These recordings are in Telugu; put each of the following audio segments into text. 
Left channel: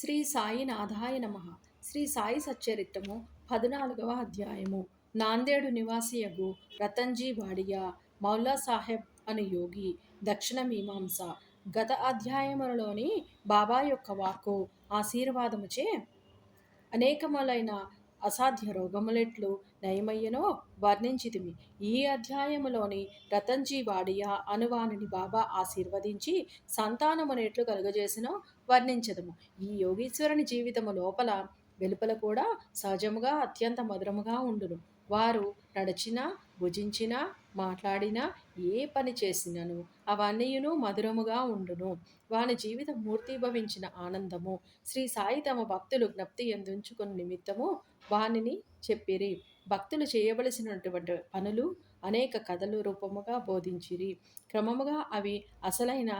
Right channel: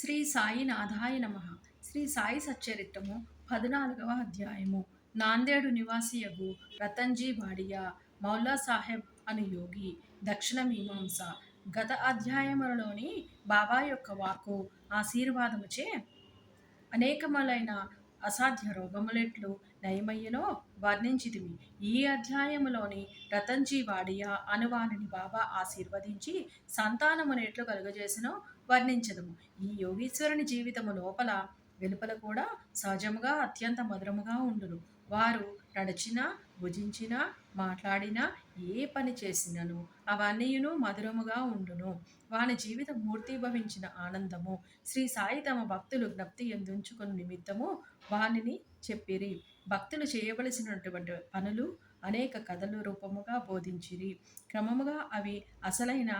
శ్రీ సాయినాథాయ నమః. శ్రీ సాయి సచ్చరిత్రము 14వ అధ్యాయము. నాందేడు నివాసియగు రతన్జీ వాడియా మౌలా సాహెబ్ అను యోగి దక్షిణ మీమాంస. గత అధ్యాయములలోని బాబా యొక్క వాక్కు ఆశీర్వాదముచే అనేకములైన అసాధ్య రోగములెట్లు నయమయ్యనో వర్ణించితిమి. ఈ అధ్యాయములోని రతన్జీ వాడియా అనువానిని బాబా ఆశీర్వదించి సంతానమునెట్లు కలుగజేసినో వర్ణించదము. ఈ యోగీశ్వరుని జీవితము లోపల వెలుపల కూడా సహజముగా అత్యంత మధురముగా ఉండును. వారు నడిచినా, భుజించినా, మాట్లాడినా, ఏ పని చేసినను అవన్నీయును మధురముగా ఉండును. వాని జీవితం మూర్తీభవించిన ఆనందము. శ్రీ సాయి తమ భక్తులు జ్ఞప్తి ఎందుంచుకుని నిమిత్తము వానిని చెప్పిరి. భక్తులు చేయవలసినటువంటి పనులు అనేక కథలు రూపముగా బోధించిరి. క్రమముగా అవి అసలైన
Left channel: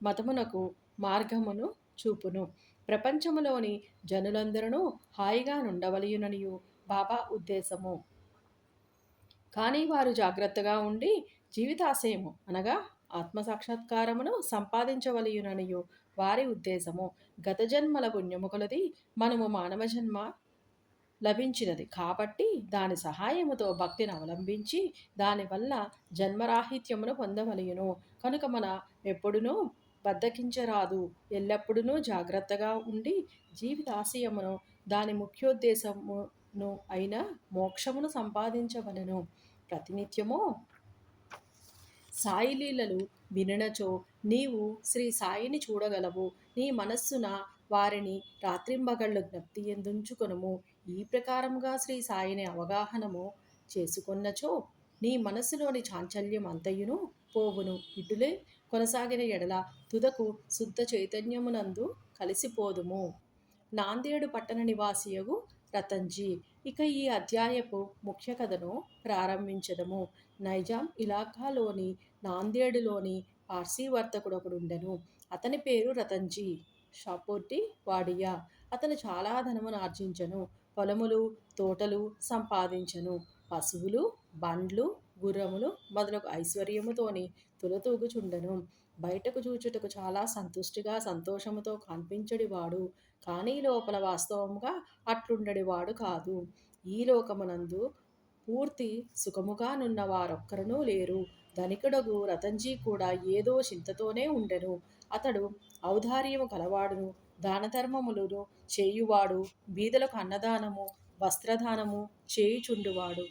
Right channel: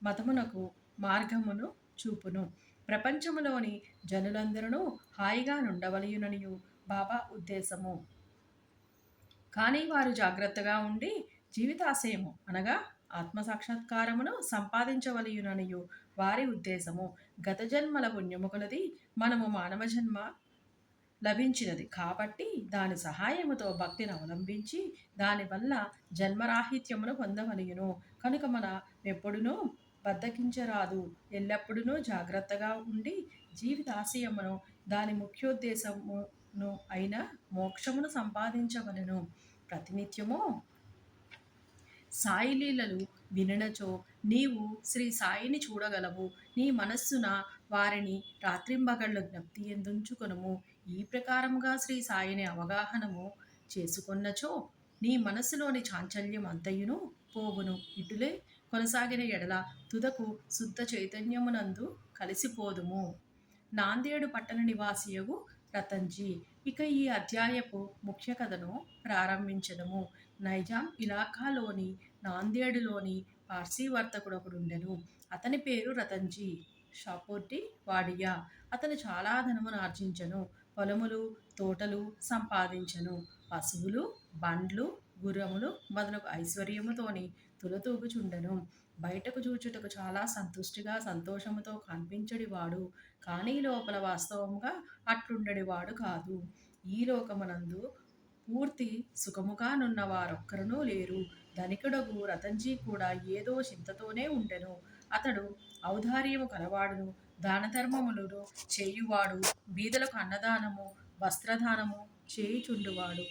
మతమునకు మార్గమును చూపును. ప్రపంచములోని జనులందరూ హాయిగా నుండవలయుననియు బాబా ఉద్దేశము. కానీ వారు జాగ్రత్తగా ఉండి జీవితాశయము అనగా ఆత్మసాక్షాత్కారమును సంపాదించవలయుననియు వారి ఉద్దేశము. గత జన్మల పుణ్యము కొలది మనము మానవ జన్మ లభించినది కాబట్టి దాని సహాయముతో భక్తిని అవలంబించి దానివల్ల జన్మరాహిత్యమును పొందవలయును. కనుక మన ఎప్పుడునూ బద్దకించరాదు. ఎల్లప్పుడూ జాగ్రత్తగా ఉండి జీవితాశయమును దాని ముఖ్యోద్దేశమును అయిన మోక్షమును సంపాదించవలెను. ప్రతినిత్యము సాయి లీలలు వినినచో నీవు శ్రీ సాయిని చూడగలవు. నీ మనస్సున వారిని రాత్రింబగళ్ళు జ్ఞప్తి ఎందుంచుకొనుము. ఈ ప్రకారముగా శ్రీ సాయిని అవగాహనము చేసుకొన్నచో నీ మనస్సులోని చాంచల్యం అంతయును పోవును. ఇటులే కొనసాగిన ఎడల తుదకు శుద్ధ చైతన్యమునందు కలిసిపోదుము. నాందేడు పట్టణ నివాసియగు రతన్జీ. ఇక ఈ అధ్యాయపు ముఖ్య కథను ప్రారంభించదము. నైజాం ఇలాకాలోని నాందేడులోని పార్సీ వర్తకుడొకడుండెను. అతని పేరు రతన్జీ షాపూర్టి వాడియా. అతను చాలా ధనమును ఆర్జించెను. పొలములు, తోటలు సంపాదించెను. పశువులు, బండ్లు, గుర్రములు మొదలగు ఐశ్వర్యముతోని తులతూగుచుండెను. బయటకు చూచుటకు చాలా సంతుష్టిగా సంతోషముతో కనిపించడివాడు. కానీ లోపల వాస్తవముగా అట్లుండడివాడు కాదు. ఈ లోకమునందు పూర్తి సుఖముగా నున్న వారొక్కరునూ లేరు. ధనికుడగు రతన్జీ కూడా ఏదో చింతతోనే ఉండెను. అతడు ఔదార్యము కలవాడును, దానధర్మములను చేయువాడు, బీదలకు అన్నదానము, వస్త్రదానము చేయుచుండువాడు,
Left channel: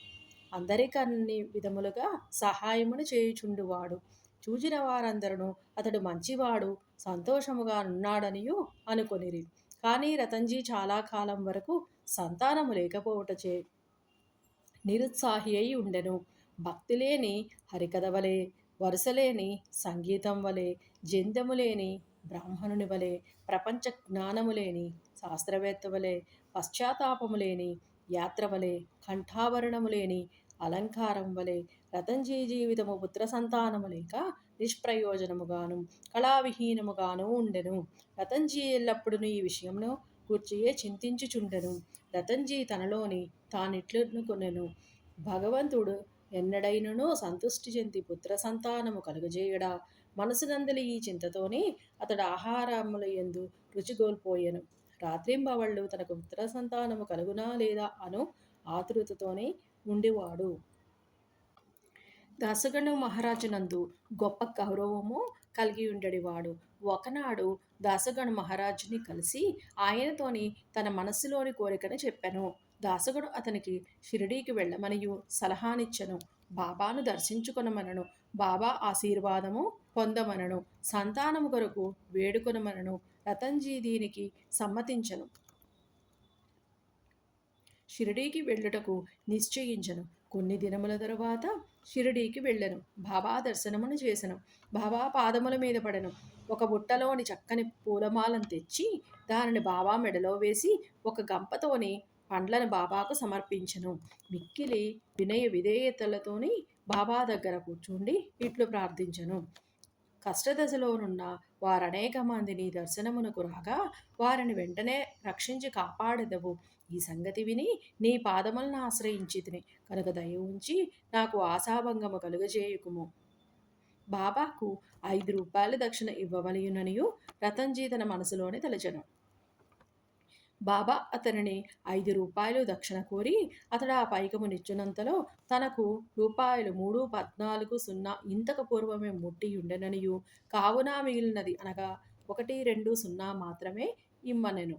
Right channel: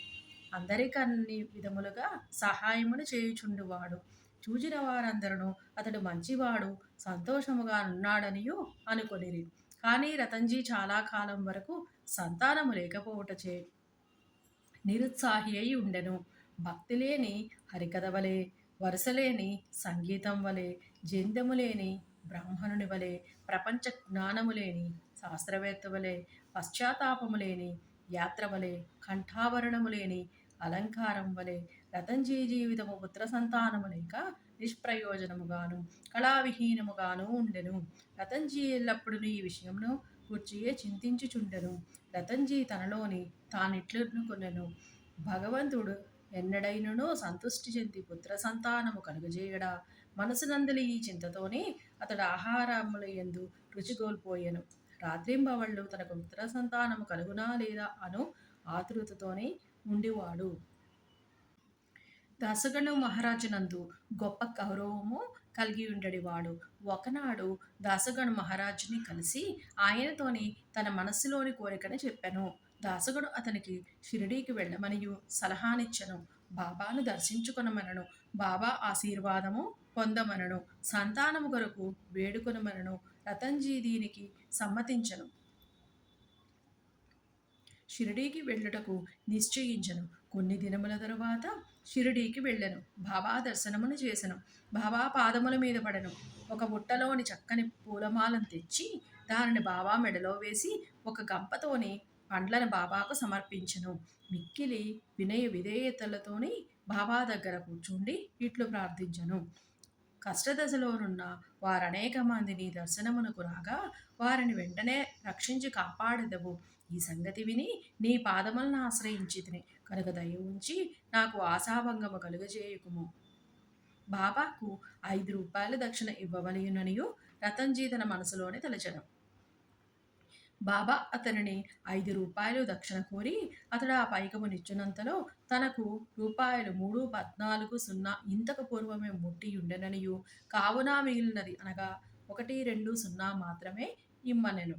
అందరికన్ని విధములుగా సహాయమును చేయుచుండువాడు. చూచిన వారందరూ అతడు మంచివాడు, సంతోషముగా నున్నాడనియు అనుకొనిరి. కానీ రతన్జీ చాలా కాలం వరకు సంతానము లేకపోవటచే నిరుత్సాహి అయి ఉండెను. భక్తి లేని హరికథ వలె, వరుసలేని సంగీతం వలె, జంధ్యము లేని బ్రాహ్మణుని వలె, ప్రపంచ జ్ఞానము లేని శాస్త్రవేత్త వలె, పశ్చాత్తాపము లేని యాత్ర వలె, కంఠాభరణము లేని అలంకారం వలె రతన్జీ జీవితము పుత్ర సంతానము లేక నిష్ప్రయోజనముగాను కళావిహీనముగాను ఉండెను. రతన్జీ ఎల్లప్పుడూ ఈ విషయంలో కూర్చియే చింతించుచుండెను. రతన్జీ తనలోని తానిట్లనుకొనెను. భగవంతుడు ఎన్నడైనను సంతుష్టి చెంది పుత్ర సంతానము కలుగజేయడా. మనసునందలి ఈ చింతతోనే అతడు ఆహారముల యందు రుచిగోల్పోయెను. రాత్రింబవళ్ళు తనకు పుత్ర సంతానము కలుగునా లేదా అను ఆతృతతోనే ఉండివాడు. దాసగను మహారాజునందు గొప్ప గౌరవము కలిగి ఉండేవాడు. ఒకనాడు దాసగను మహారాజుని కలిసి ఆయనతోని తన మనస్సులోని కోరికను చెప్పెను. దాసగడు అతనికి షిరిడీకి వెళ్ళమనియు సలహానిచ్చెను. బాబాను దర్శించుకొనమనను, బాబా ఆశీర్వాదము పొందమనను, సంతానము కొరకు వేడుకొనమనను. రతన్జీ దీనికి సమ్మతించెను. షిరిడీకి వెళ్ళుటకు నిశ్చయించెను. కొన్ని దినముల తరువాత షిరిడీకి వెళ్ళెను. బాబా దర్శనమును చేసెను. బాబా పాదముల మీద పడెను. ఒక బుట్టలోని చక్కని పూలమాలను తెచ్చి దానిని బాబా మెడలో వేసి ఒక గంపతోని పండ్లను బాబాకు సమర్పించెను. మిక్కిలి వినయ విధేయతలతోని బాబా దగ్గర కూర్చుండి ఇట్లు ప్రార్థించెను. కష్టదశలోనున్న వారనేక మంది నీ దర్శనమునకు రాగా వారిని వెంటనే రక్షించి కాపాడెదవు. ఈ సంగతి విని నీ పాదములను ఆశ్రయించితిని కనుక దయ ఉంచి నాకు ఆశాభంగము కలుగజేయుకుము. బాబాకు 5 రూపాయల దక్షిణ ఇవ్వవలయుననియు రతన్జీ తన మనసులోనే తలచెను. బాబా అతనిని రూ. 5 దక్షిణ కోరి అతడు ఆ పైకమునిచ్చినంతలో తనకు రూపాయలు 3,14,0 ఇంతకు పూర్వమే ముట్టియుండెననియు కావున మిగిలినది అనగా 1,2,0 మాత్రమే ఇమ్మనెను.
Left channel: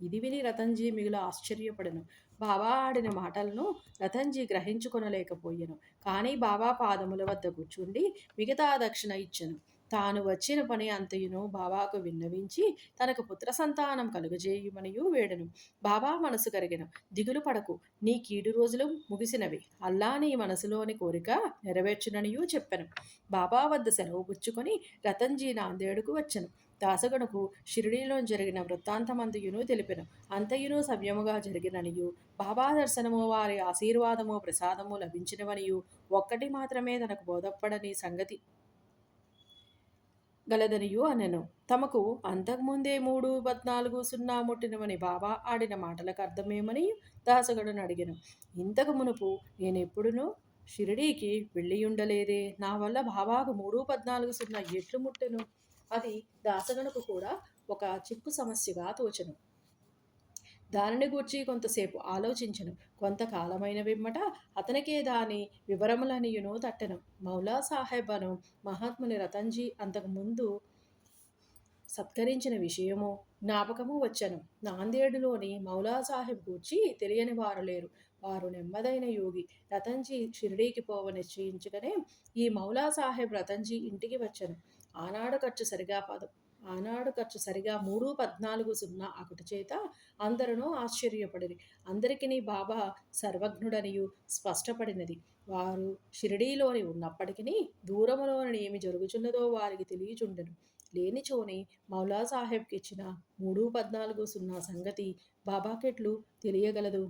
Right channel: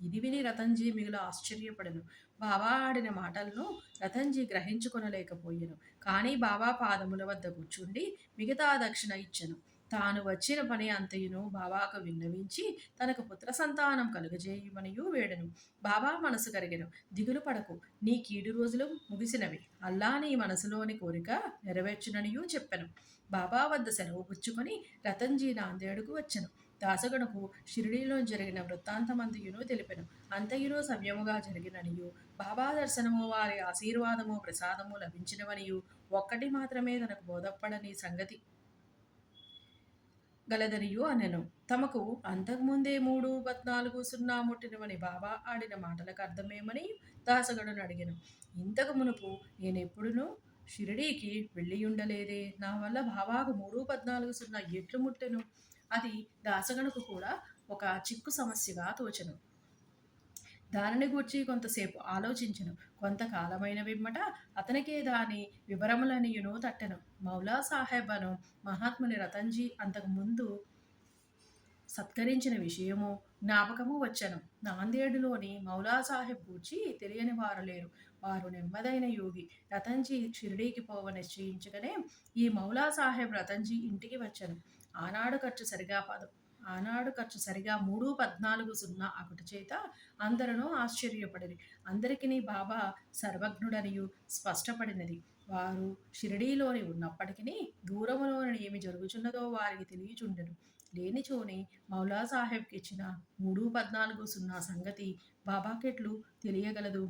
ఇది విని రతన్జీ మిగుల ఆశ్చర్యపడెను. బాబా ఆడిన మాటలను రతన్జీ గ్రహించుకొనలేకపోయెను. కానీ బాబా పాదముల వద్ద కూర్చుండి మిగతా దక్షిణ ఇచ్చెను. తాను వచ్చిన పని అంతయును బాబాకు విన్నవించి తనకు పుత్ర సంతానం కలుగజేయుమనియు వేడెను. బాబా మనసు కరిగెను. దిగులు పడకు, నీ కీడు రోజులు ముగిసినవి. అల్లా నీ మనసులోని కోరిక నెరవేర్చుననియు చెప్పెను. బాబా వద్ద సెలవు పుచ్చుకొని రతన్జీ నాందేడుకు వచ్చెను. దాసగణకు షిరిడీలో జరిగిన వృత్తాంతమంతయును తెలిపెను. అంతయును సవ్యముగా జరిగిననియు బాబా దర్శనము వారి ఆశీర్వాదము ప్రసాదము లభించినవనియు ఒక్కటి మాత్రమే తనకు బోధపడని సంగతి గలదనియు అనెను. తమకు అంతకుముందే 3,14,0 ముట్టినవని బాబా ఆడిన మాటలకు అర్థమేమని దాసగడును అడిగెను. ఇంతకు మునుపు నేనెప్పుడునూ షిరిడీకి వెళ్ళియుండలేదే, నా వల్ల బాబాకు 3,14,0 ఎట్లు ముట్టెను? అది దాసగనుకు కూడా ఒక చిక్కు సమస్యగా తోచెను. దానిని గూర్చి కొంతసేపు ఆలోచించెను. కొంతకాలమైన పిమ్మట అతనికే దాని వివరములనియును తట్టెను. మౌలా సాహెబ్ అను మహాత్ముని రతన్జీ అంతకుముందు సత్కరించిన విషయము జ్ఞాపకము వచ్చెను. నాందేడులోని మౌలా సాహెబ్ గూర్చి తెలియని వారు లేరు. వారు నెమ్మదైన యోగి. రతన్జీ షిరిడీకి పోవ నిశ్చయించగానే ఈ మౌలా సాహెబ్ రతన్జీ ఇంటికి వచ్చెను. ఆనాడు ఖర్చు సరిగా 3,14,0 అకుట చేత అందరూ ఆశ్చర్యపడిరి. అందరికిని బాబా సర్వజ్ఞుడనియు స్పష్టపడినది. వారు షిరిడీలోని ఉన్నప్పటికీ దూరములోని ఏమి జరుగుచున్నదో వారికి తెలియచుండెను. లేనిచోని మౌలా సాహెబ్కి ఇచ్చిన 3,14,0 సంగతి బాబాకెట్లు తెలియగలదు?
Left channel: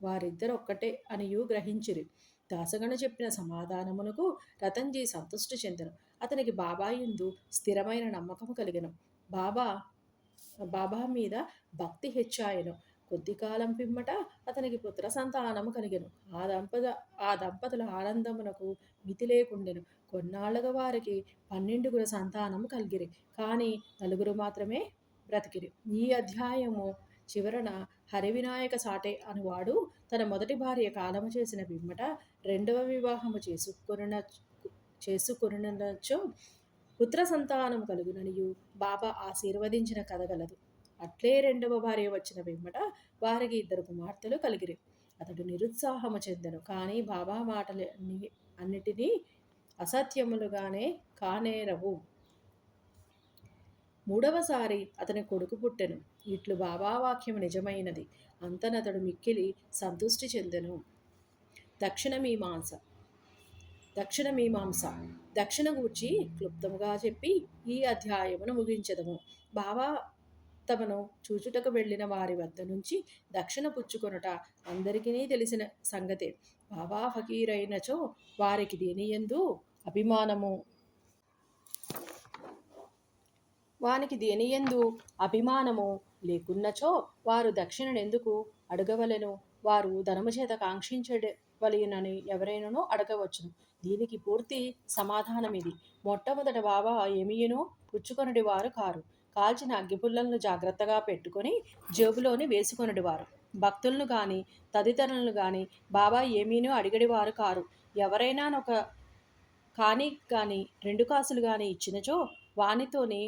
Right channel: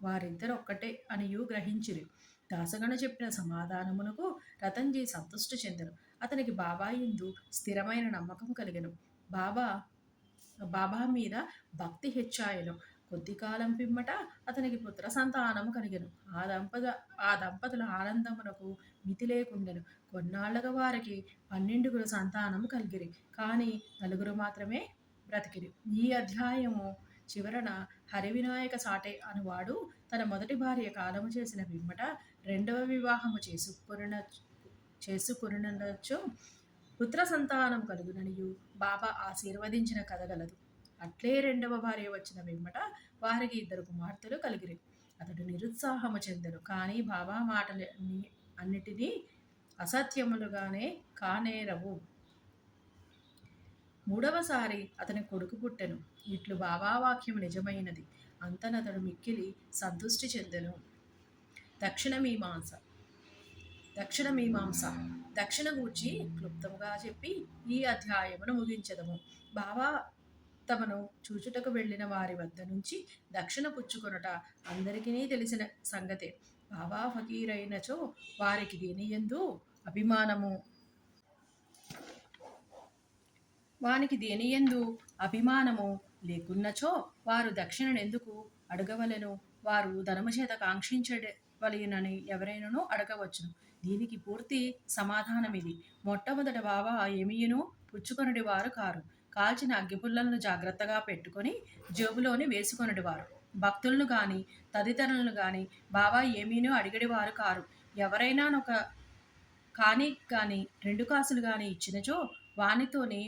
వారిద్దరొక్కటే అనియు గ్రహించిరి. దాసగను చెప్పిన సమాధానమునకు రతన్జీ సంతుష్టి చెందెను. అతనికి బాబా యందు స్థిరమైన నమ్మకము కలిగెను. బాబా మీద భక్తి హెచ్చాయెను. కొద్ది కాలం పిమ్మట అతనికి పుత్ర సంతానము కలిగెను. ఆ దంపతుల ఆనందమునకు మితి లేకుండెను. కొన్నాళ్లుగా వారికి 12 సంతానము కలిగిరి. కానీ 4 మాత్రమే బ్రతికిరి. ఈ అధ్యాయము చివరన హరివినాయక సాటే అనువాడు తన మొదటి భార్య కాలము చేసిన పిమ్మట రెండవ వివాహము చేసుకొనునచో పుత్ర సంతానం కలుగుననియు బాబా ఆశీర్వదించిన కథ గలదు. అట్లే రెండవ భార్య వచ్చిన పిమ్మట వారికి 2 కుమార్తెలు కలిగిరి. అతడు నిరుత్సాహము చెందెను. కానీ బాబా మాటలు అన్నిటినీ అసత్యములుగానే కానేరవు. మూడవసారి అతని కొడుకు పుట్టెను. ఇట్లు బాబా వాక్యము నిజమైనది. అంతనతడు మిక్కిలి సంతుష్టి చెందెను. దక్షిణ మీమాంస దక్షిణ గూర్చి క్లుప్తముగా చెప్పి ఈ అధ్యాయమును ముగించెదము. బాబా తమను చూచుటకు వెళ్ళిన వారి వద్ద నుంచి దక్షిణ పుచ్చుకొనుట అందరికీ తెలిసిన సంగతే. బాబా ఫకీరైనచో వారికి దేనియందు అభిమానము లేకున్నచో వారు దక్షిణనెందుకు అడగవలెను? వారు ధనము చేత కాంక్షించవలెనని ఎవరైనను అడగవచ్చును. దీనికి పూర్తి సమాధానమిది. మొట్టమొదట బాబా ఏమియును పుచ్చుకొనుడి వారు కారు. కాల్చిన అగ్గిపుల్లలను జాగ్రత్తగా పెట్టుకొని జేబులోని వేసుకొనుడివారు. భక్తులను గాని తదితరులను గాని బాబా ఏమీనూ అడిగడివారు కారు. ఎవరైనా ఒక కాని గాని 2 కాసులు గాని ఇచ్చినచో వానితోని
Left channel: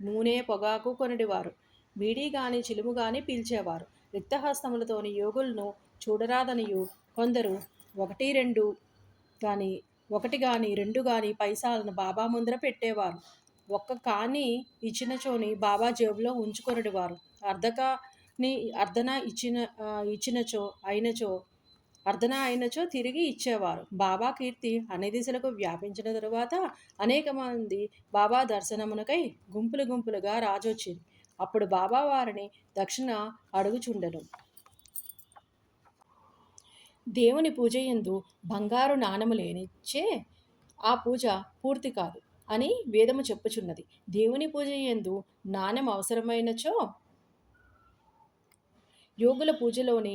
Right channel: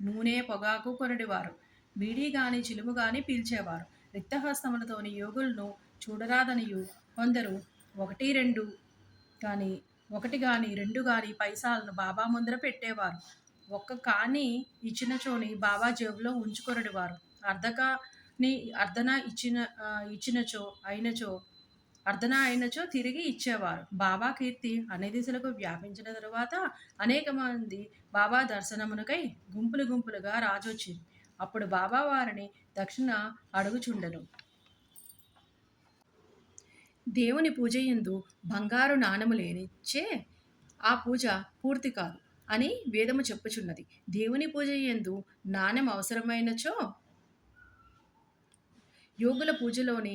నూనె పొగాకు కొనుడివారు. బీడీ గాని చిలుము గాని పీల్చేవారు. రిక్తహస్తములతోని యోగులను చూడరాదనియు కొందరు 1 గాని 2 గాని పైసాలను బాబా ముందర పెట్టేవారు. ఒక్క కాని ఇచ్చినచోని బాబా జేబులో ఉంచుకొనుడివారు. అర్ధన అయినచో తిరిగి ఇచ్చేవారు. బాబా కీర్తి అన్ని దిశలకు వ్యాపించిన తరువాత అనేక మంది బాబా దర్శనమునకై గుంపులుగా రాజొచ్చింది. అప్పుడు బాబా వారిని దక్షిణ అడుగుచుండెను. దేవుని పూజయందు బంగారు నాణము లేనిచే ఆ పూజ పూర్తి కాదు అని వేదము చెప్పుచున్నది. దేవుని పూజయందు నాణెం అవసరమైనచో యోగుల పూజలోని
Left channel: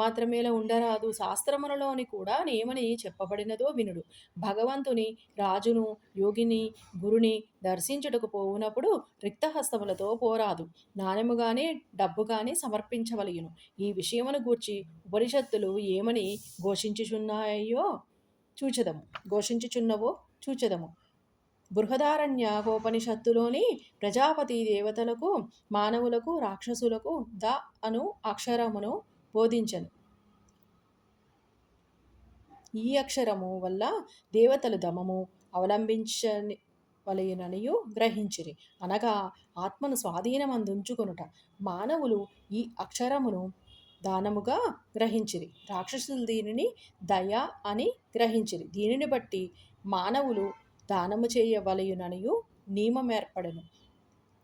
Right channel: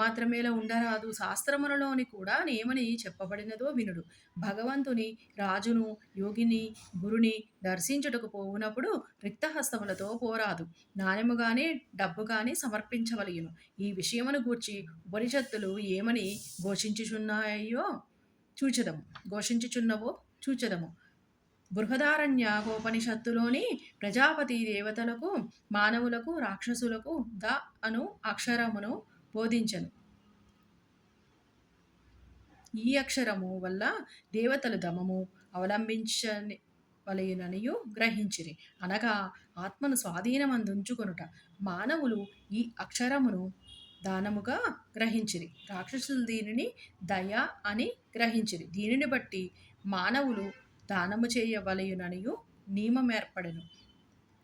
మాత్రమేలా ఉండరాదు, శాస్త్రములలోని కూడా నేమని చెప్పబడినదో వినుడు. భగవంతుని, రాజును, యోగిని, గురుని దర్శించుటకు పోవునప్పుడు రిక్తహస్తములతో పోరాదు. నాణెము గాని డబ్బు గాని సమర్పించవలయును. ఈ విషయమును గూర్చి ఉపనిషత్తులు ఏమని ఘోషించుచున్నాయో చూచెదము ఘోషించుచున్నవో చూచెదము. బృహదారణ్యకోపనిషత్తులోని ప్రజాపతి దేవతలకు, మానవులకు, రాక్షసులకు ద అను అక్షరమును బోధించను. ఈ అక్షరము వల్ల దేవతలు దమము అవలంబించవలెననియు గ్రహించిరి. అనగా ఆత్మను స్వాధీనమందుంచుకొనుట. మానవులు ఈ అక్షరమును దానముగా గ్రహించిరి. రాక్షసులు దీనిని దయ అని గ్రహించిరి. దీనిని బట్టి మానవులు దానము చేయవలయుననియు నియమమేర్పడెను.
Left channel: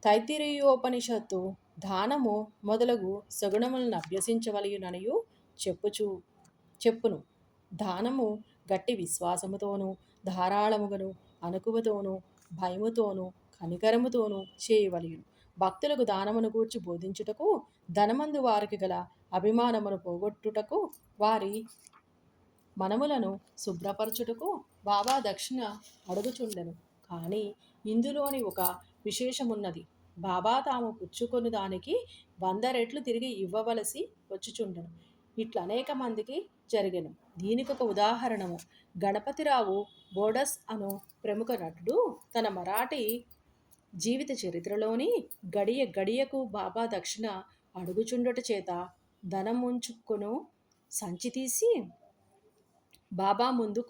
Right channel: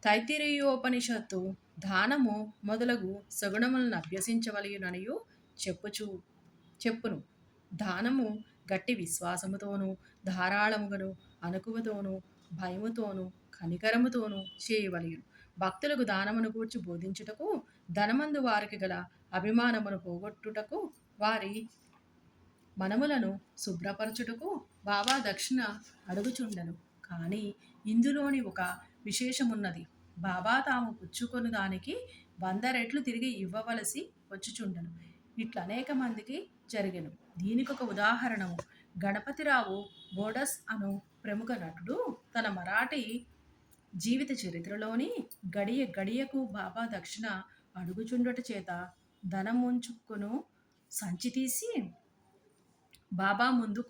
తైత్తిరీయోపనిషత్తు దానము మొదలగు సగుణములను అభ్యసించవలయుననియు చెప్పును. దానము గట్టి విశ్వాసముతోనూ, ధారాళముగను, అణకువతోనూ, భయముతోనూ, కనికరముతోనూ చేయవలయును. భక్తులకు దానమును గూర్చి బోధించుటకు, ధనమందు వారికి గల అభిమానమును పోగొట్టుటకు, వారి మనములను శుభ్రపరచుటకు బాబా దక్షిణ అడుగుచుండెను. కానీ ఇందులోని ఒక విశేషమున్నది. బాబా తాము పుచ్చుకొని దానికి 100 రెట్లు తిరిగి ఇవ్వవలసి వచ్చుచుండెను. ఇట్లా అనేక మందికి జరిగెను. దీనికొక ఉదాహరణము. గణపతిరావు బోడస్ అను ప్రముఖ నటుడు తన మరాఠీ జీవిత చరిత్రలోని గడియ గడియకు బాబా దక్షిణ అడుగుచుండుట చేత ధనముంచుకొను సంచి తీసి బాబా ముందు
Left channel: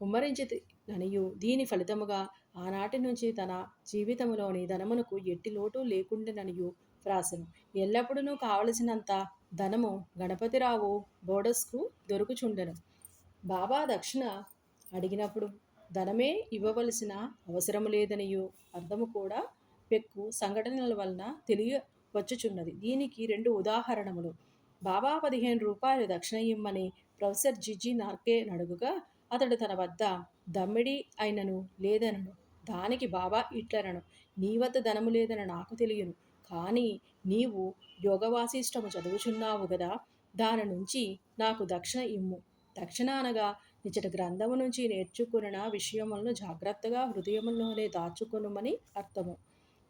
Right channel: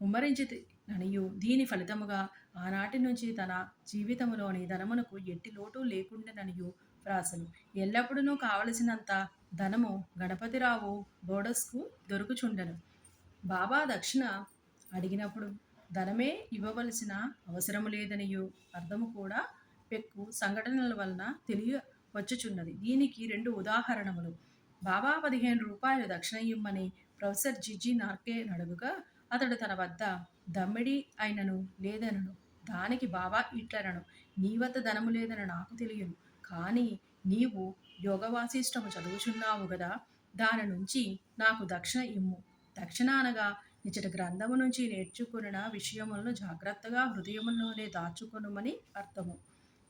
కుమ్మరించితి ననియు దీని ఫలితముగా ఆనాటి నుంచి తన జీవితములోని ధనమునకు ఎట్టి లోటు లేకుండెననియు వ్రాసెను. ఎల్లప్పుడూ కావలసినంత ధనము గణపతిరావు బోడస్కు దొరుకుచుండెను. బాబా దక్షిణ అడిగినప్పుడు ధనమే ఇవ్వవలసిన అవసరము లేదనియు అర్థము కూడా పెక్కు సంఘటనల వలన తెలియవచ్చుచున్నది. దీనికి 2 ఉదాహరణములు. బాబా 15 రూపాయలు దక్షిణ ఇమ్మని ప్రొఫెసర్ జిజి నార్కే నడుగుగా అతడు తన వద్ద దమ్మిడి అయినను లేదనను. దానికి బాబా ఇట్లనను, నీ వద్ద ధనము లేదని నాకు తెలియను, కానీ నీవు యోగవాసిష్టము చదువుచున్నావు గదా, దాని నుంచి నాకు దక్షిణ ఇమ్ము. దక్షిణ అనగా నిజట గ్రంథము నుంచి నేర్చుకున్న విషయములను జాగ్రత్తగా హృదయములోనే దాచుకొనుమని అర్థము.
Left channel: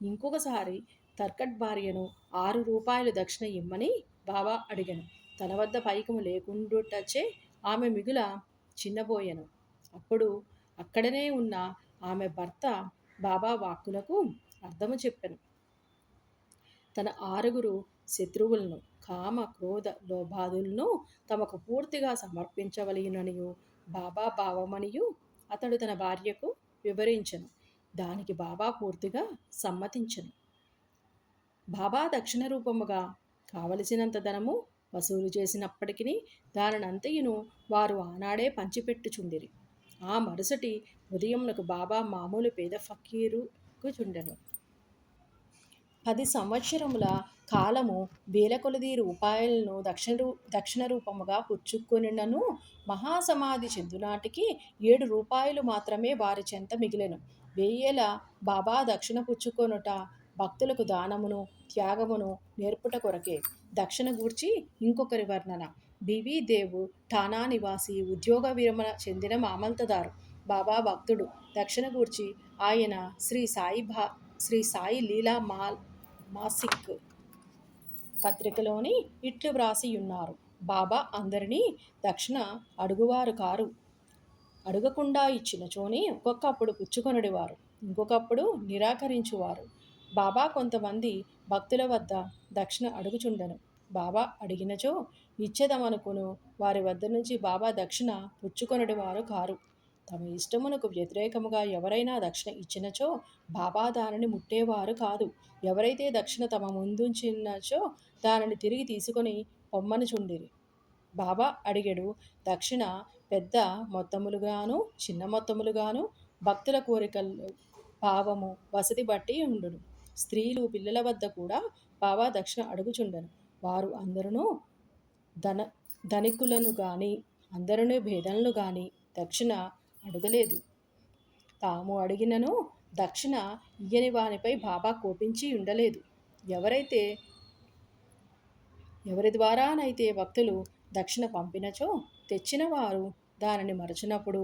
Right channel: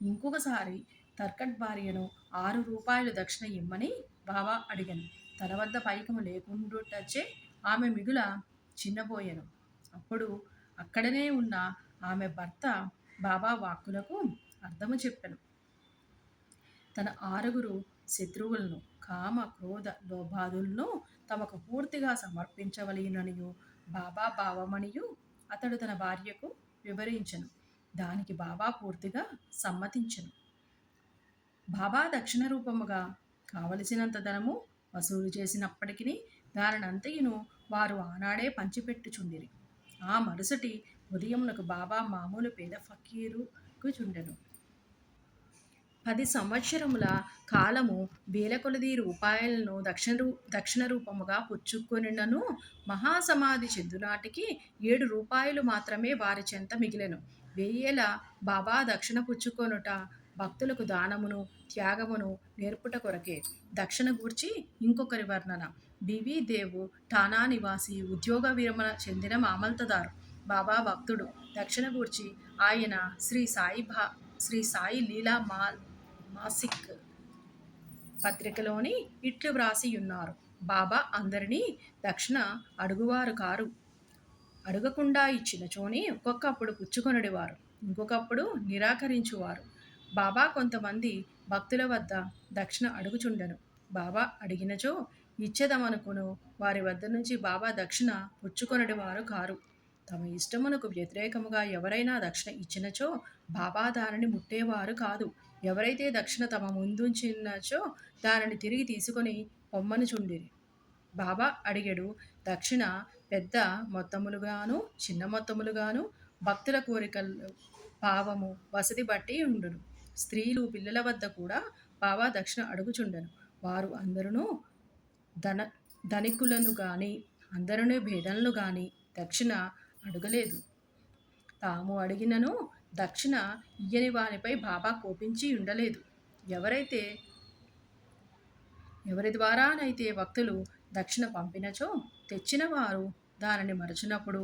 ఇంకొకసారి తర్కట్ భార్యను 6 రూపాయలు దక్షిణ ఇమ్మని బాబా అడిగను. తన వద్ద పైకము లేకుండుటచే ఆమె మిగుల చిన్నబోయెను. అప్పుడు అక్కడనే ఉన్న ఆమె భర్త బాబా వాక్కులకు అర్థము చెప్పెను. తన 6 శత్రువులను, కామ, క్రోధ, లోభాదులను తమకు పూర్తిగా సమర్పించవలెననియు బాబా భావమనియు అతడు తన భార్యకు వివరించెను. దానికి బాబా పూర్తిగా సమ్మతించెను. బాబా దక్షిణ రూపముగా కావలసినంత ధనము వసూలు చేసినప్పటికీ దానినంతయును వారు ఆనాడే పంచిపెట్టుచుండిరి. ఆ మరుసటి ఉదయమునకు బాబా మామూలు పేద ఫకీరుకు చుండెను. 10 సంవత్సరముల కాలము వేల కొలది రూపాయలను దక్షిణ రూపముగా పుచ్చుకొనినను మహాసమాధి చెందునాటికి 7 రూపాయలు మాత్రమే వారి చెంత మిగిలెను. 1000 బాబా దక్షిణ పుచ్చుకొనుట భక్తులకు దానమును, త్యాగమును నేర్పుట కొరకే. దక్షిణ గూర్చి ఇంకొకరి వర్ణన. బివి దేవు ఠానా నివాసి, ఉద్యోగ విరమణ చెందిన మామల్తదారు, బాబా భక్తుడు. దక్షిణ గూర్చి ఆయన శ్రీ సాయి లీలా మాసిక్ పత్రికలోని ఇట్లు వ్రాసియున్నారు. బాబా అందరినీ దక్షిణ అడుగువారు కారు. అడగకుండా ఇచ్చినచోని ఒక్కొక్కప్పుడు పుచ్చుకొనుడివారు, ఇంకొకప్పుడు నిరాకరించువారు. బాబా కొంతమంది భక్తుల వద్ద దక్షిణ అడుగుచుండెను. బాబా అడిగినచో ఇచ్చెదమనుకును వారి వద్ద నుంచి బాబా దక్షిణ పుచ్చుకొనుడివారు కారు. తమ ఇష్టమునకు వ్యతిరేకముగా ఎవరైనా దక్షిణ ఇచ్చినచో బాబా దానిని ముట్టేవారు కాదు. ఎవరైతే దక్షిణ తమ ముందుంచినచో దానిని తిరిగి తీసుకొని పొమ్మనుచుండిరి. బాబా అడిగెడు. దక్షిణ పెద్ద మొత్తములుగాను, చిన్న మొత్తములుగాను భక్తుల కోరికలు, భావము, వసతి బట్టి ఉండును. స్త్రీలు, పిల్లల వద్ద కూడా బాబా దక్షిణ అడుగుచుండెను. వారు అందరూ ధనికులను గాని, అందరూ భేదలను గాని దక్షిణ అడగలేదు. తాము అడిగినను దక్షిణ ఇయ్యని వానిపై బాబా కోపించి ఉండలేదు. ఎవరైతే ఎవరి ద్వారానైతే భక్తులు దక్షిణ పంపినచో తెచ్చిన వారు దానిని మరచినప్పుడు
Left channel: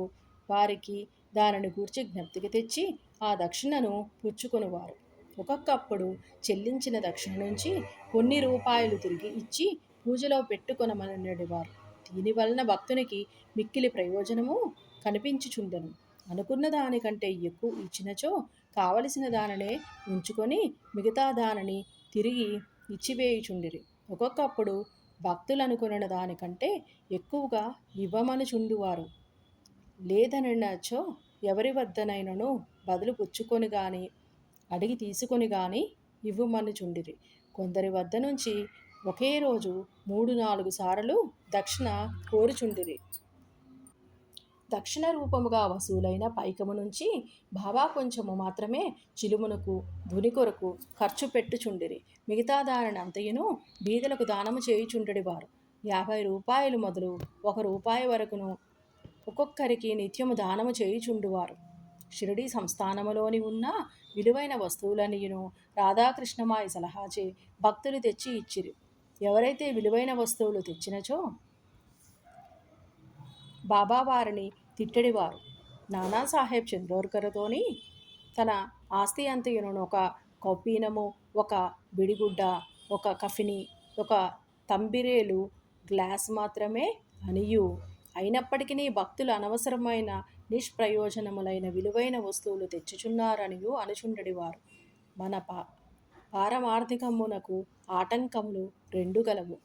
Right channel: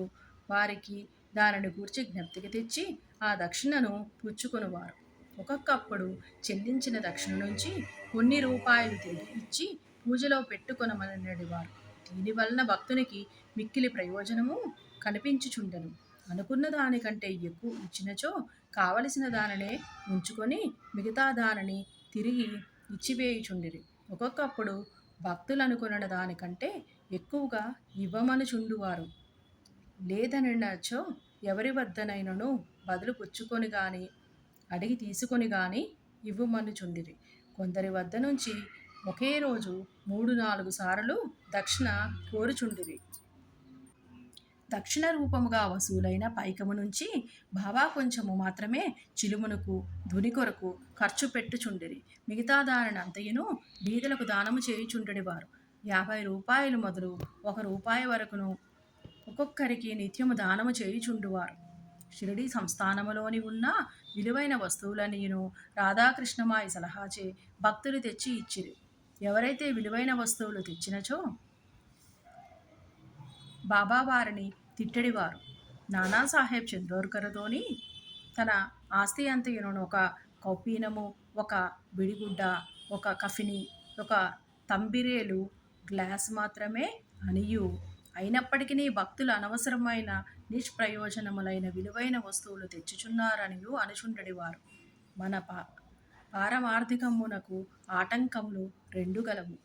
వారికి దానిని గూర్చి జ్ఞప్తికి తెచ్చి ఆ దక్షిణను పుచ్చుకొనువారు. ఒక్కొక్కప్పుడు చెల్లించిన దక్షిణ నుంచి కొన్ని రూపాయలు తిరిగి ఇచ్చి పూజలో పెట్టుకొనమనడివారు. దీనివలన భక్తునికి మిక్కిలి ప్రయోజనము కనిపించుచుండెను. అనుకున్న దానికంటే ఎక్కువ ఇచ్చినచో కావలసిన దానినే ఉంచుకొని మిగతా దానిని తిరిగి ఇచ్చివేయుచుండిరి. ఒక్కొక్కప్పుడు భక్తులు అనుకున్న దానికంటే ఎక్కువగా ఇవ్వమనుచుండువారు. లేదనచో ఎవరి వద్దనైనను బదులు పుచ్చుకొని గాని అడిగి తీసుకొని గాని ఇవ్వమనుచుండిరి. కొందరి వద్ద నుంచి ఒకే రోజు 3-4 సార్లు దక్షిణ కోరుచుండిరి. దక్షిణ రూపముగా వసూలైన పైకము నుంచి బాబా కొంచెము మాత్రమే చిలుమునకు ధుని కొరకు ఖర్చు పెట్టుచుండిరి. మిగతా దానిని అంతయును బీదలకు దానము చేయుచుండెడివారు. 50 రూపాయలు మొదలు 1 రూపాయి వరకును ఒక్కొక్కరికి నిత్యము దానము చేయుచుండువారు. షిరిడీ సంస్థానములోని ఉన్న విలువైన వస్తువులనియును రాధాకృష్ణమాయి సలహాచే భక్తులు తెచ్చి ఇచ్చిరి. ఎవరైతే విలువైన వస్తువులు తెచ్చినచో బాబా వారిని తిట్టడివారు. నానాసాహెబ్ చందోర్కర్తోని తన ఆస్తి అంతయును ఒక కౌపీనము, ఒక బిడిగుడ్డ, ఒక కఫిని, ఒక తంబిరేలు గ్లాస్ మాత్రమే అనియు అయినప్పటికీ భక్తులు అనవసరమైన నిష్ప్రయోజనములైన విలువైన వస్తువులు తెచ్చుచున్నారనియు అనుచుండెడివారు. మన పారమార్థికమునకు ఆటంకములు 2 గలవు.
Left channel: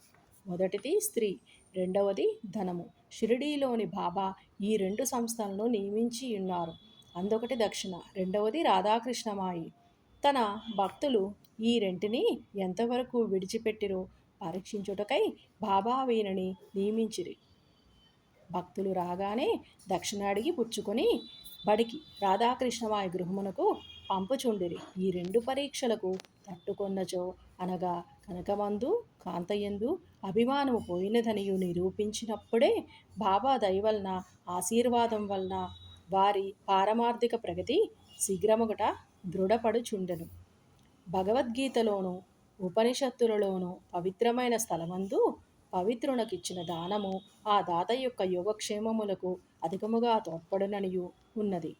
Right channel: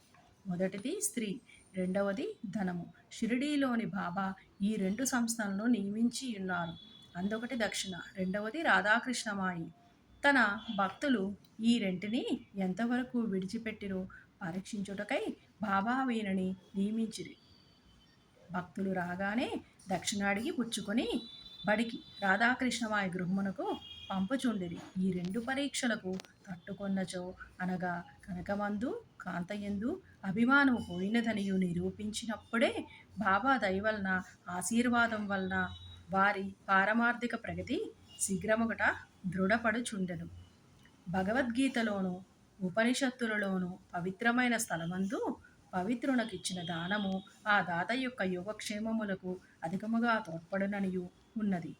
మొదటిది స్త్రీ, రెండవది ధనము. షిరిడీలోని బాబా ఈ 2 సంస్థలను నియమించి ఉన్నారు. అందొకటి దక్షిణ, రెండవది రాధాకృష్ణమాయి. తన భక్తులు ఈ రెంటిని ఎంతవరకు విడిచిపెట్టిరో పరీక్షించుటకై బాబా వీరిని నియమించిరి. భక్తులు రాగానే దక్షిణ అడిగి పుచ్చుకొని బడికి రాధాకృష్ణమాయి గృహమునకు పంపుచుండిరి. ఈ 2 పరీక్షలకు తట్టుకొన్నచో అనగా కనకమందు కాంతయందు అభిమానము పోయినదనియు నిరూపించినప్పుడే బాబా దయవలన ఆశీర్వాదం వలన వారి పారమార్థిక ప్రగతి శీఘ్రముగట దృఢపడుచుండెను. భగవద్గీతలోను ఉపనిషత్తులలోను పవిత్రమైన స్థలమందు పవిత్రునకిచ్చిన దానము ఆ దాత యొక్క యోగక్షేమములకు అధికముగా తోడ్పడుననియు ఉన్నది.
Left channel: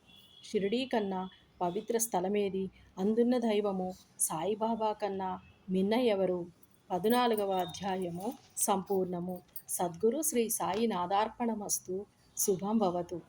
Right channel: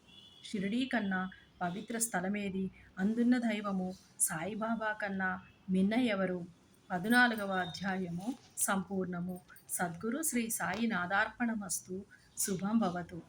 షిరిడీ కన్నా పవిత్ర స్థలమేది? అందున్న దైవము సాయిబాబా కన్నా మిన్న ఎవరు? 14వ అధ్యాయము సంపూర్ణము. సద్గురు శ్రీ సాయి నాదార్పణమస్తు. శుభం భవతు.